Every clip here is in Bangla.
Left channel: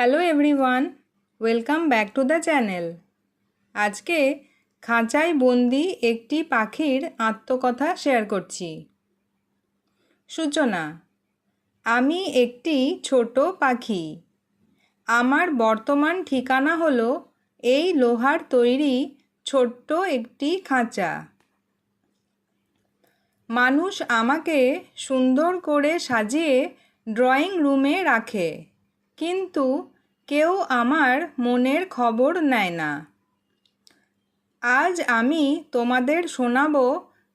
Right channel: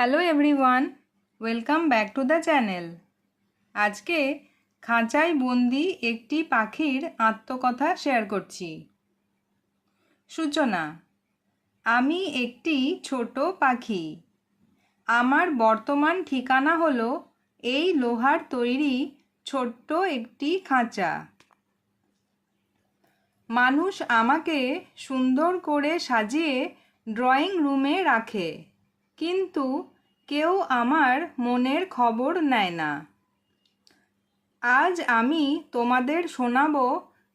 Hello everyone, welcome back to the channel. আজকে খাঁচায় বন্দি একটি পাখির আত্মকথা শেয়ার করছি। সূচনা: আমি একটি ছোট পাখি। আমার বর্তমান ঠিকানা হলো এই লোহার তৈরি ছোট্ট একটি খাঁচা। মানুষ আমাকে সুন্দর করে সাজিয়ে ড্রয়িং রুমে রাখে, কিন্তু কেউ আমার মনের খবর নেয় না। আজ আমি তোমাদের শোনাবো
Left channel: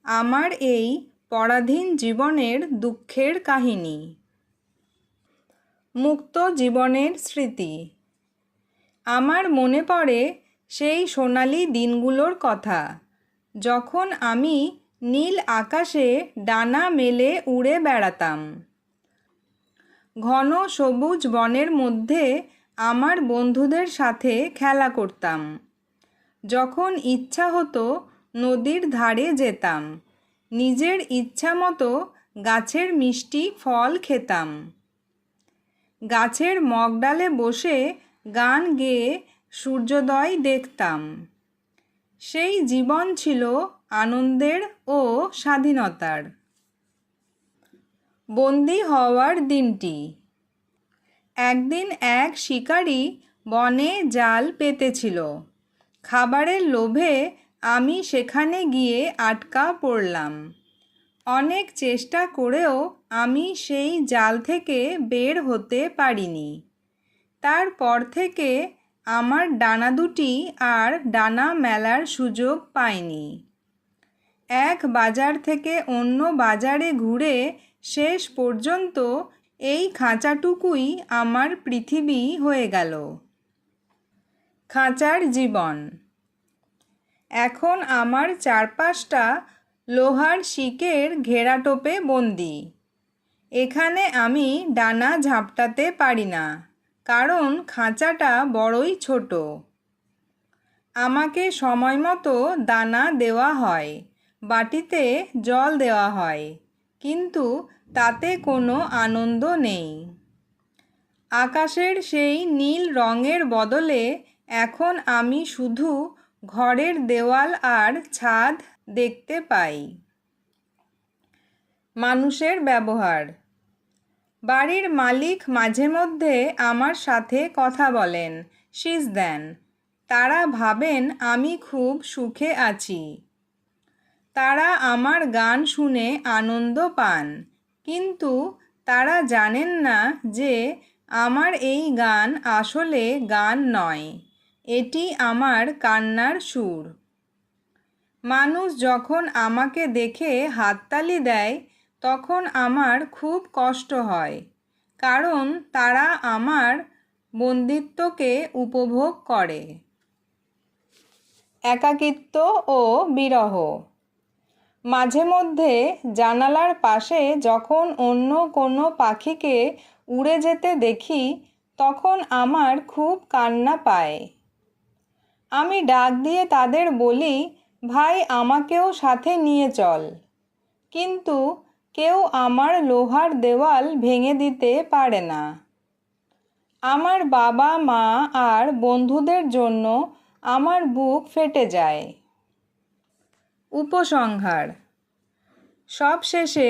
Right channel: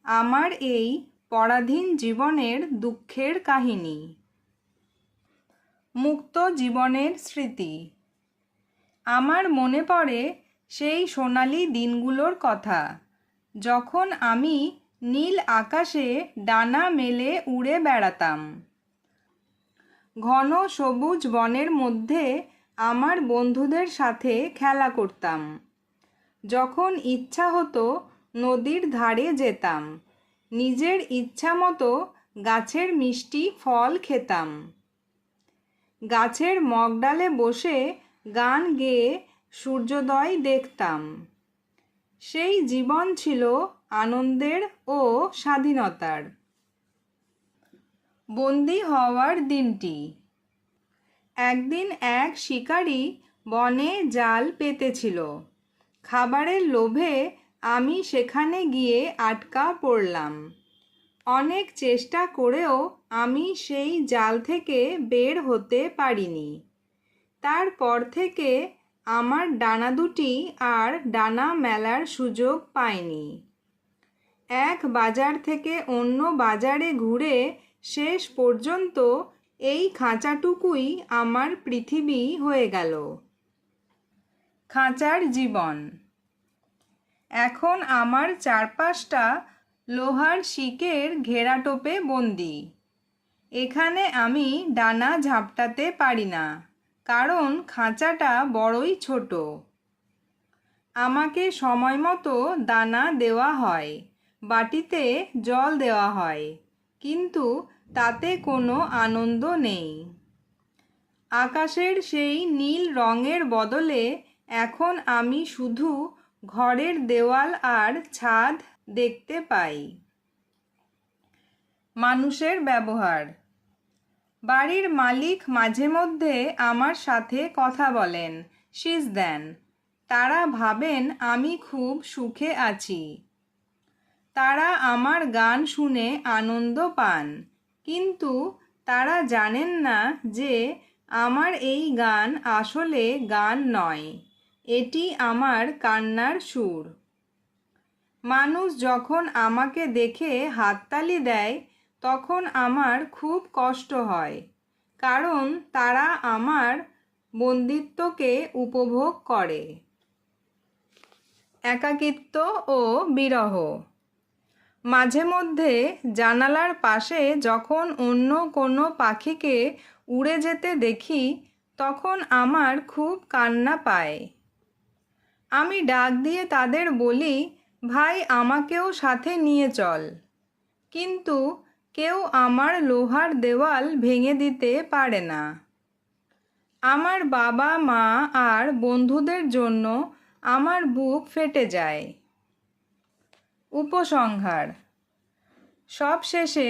আমার এই পরাধীন জীবনের দুঃখের কাহিনী। মুক্ত জীবনের স্মৃতি। আমার মনে পড়ে সেই সোনালি দিনগুলোর কথা, যখন আমি নীল আকাশে ডানা মেলে উড়ে বেড়াতাম। ঘন সবুজ বনের মধ্যে আমার বন্ধুদের সাথে খেলা করতাম। যখন ইচ্ছা হতো নদীর ধারে যেতাম, নিজের ইচ্ছা মতো গাছের মিষ্টি ফল খেতাম। গাছের মগডালে বসে গান গেয়ে সূর্যোদয় দেখতাম। সেই জীবন ছিল আনন্দের ও স্বাধীনতার। বন্দি হওয়ার দিনটি। একদিন এক শিকারী বনে জাল পেতেছিল। খাবারের লোভে আমি সেখানে গিয়ে আটকা পড়লাম। অনেক চেষ্টা করেও আমি সেই জাল থেকে বের হতে পারিনি। তারপর থেকে আমার ডানা দুটি আর ডানা মেলার সুযোগ পায়নি। এক বাজার থেকে অন্য বাজারে ঘুরে শেষ পর্যন্ত এই খাঁচাটুকুই আমার পৃথিবী হয়ে গেল। খাঁচার জীবন। এখন আমার চারপাশটা লোহার শিকের ঘেরাটোপে বন্দি। এখানে আমি ডানা ঝাপটাতে পারি না, কারণ খাঁচাটা বড়ই ছোট। আমাকে সময় মতো দানা দেওয়া হয়, বাটিতে জল দেওয়া হয়, কিন্তু তাতে কোনো আনন্দ নেই। আকাশের সেই নীল রঙের বদলে এখন আমি শুধু ঘরের দেওয়াল আর ছাদ দেখতে পাই। মানুষের ব্যবহার। বাড়ির মালিক মাঝে মধ্যে আমার সাথে কথা বলেন, শিস দেন। তারা ভাবেন আমি খুব সুখে আছি। তারা আমার গান শুনে আনন্দ পান, কিন্তু তারা জানেন না যে আমার এই গান আসলে গান নয়, এটি আমার কান্নার সুর। মানুষ যখন আমাকে দেখে হাততালি দেয়, তখন আমার খুব কষ্ট হয়, কারণ তারা আমার বন্দিত্বকে উপভোগ করে। একাকিত্ব ও বিরহ। মাঝে মধ্যে জানালার পাশে যখন অন্য কোনো পাখিকে উড়ে যেতে দেখি, তখন আমার খুব কান্না পায়। আমি ডাক দিয়ে তাদের বলি, ভাই আমাকেও সাথে নিয়ে চল। কিন্তু কেউ আমার লোহার দেওয়াল ভেঙে দিতে পারে না। আমার বাবা মা আর বন্ধুদের জন্য আমার বুক ফেটে যায়। উপসংহার। সবশেষে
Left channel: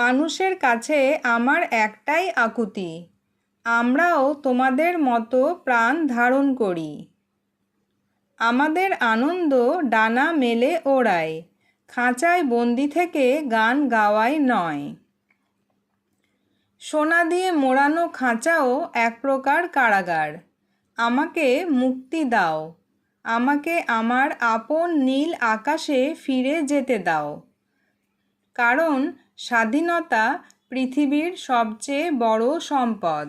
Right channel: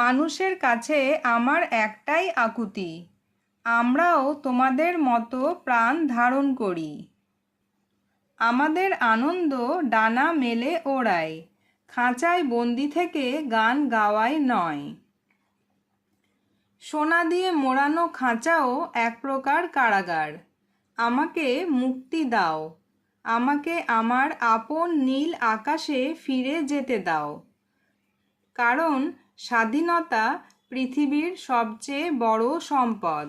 মানুষের কাছে আমার একটাই আকুতি, আমরাও তোমাদের মতো প্রাণ ধারণ করি। আমাদের আনন্দ ডানা মেলে ওড়ায়, খাঁচায় বন্দি থেকে গান গাওয়াই নয়। সোনা দিয়ে মোড়ানো খাঁচাও এক প্রকার কারাগার। আমাকে মুক্তি দাও, আমাকে আমার আপন নীল আকাশে ফিরে যেতে দাও, কারণ স্বাধীনতা পৃথিবীর সবচেয়ে বড় সম্পদ।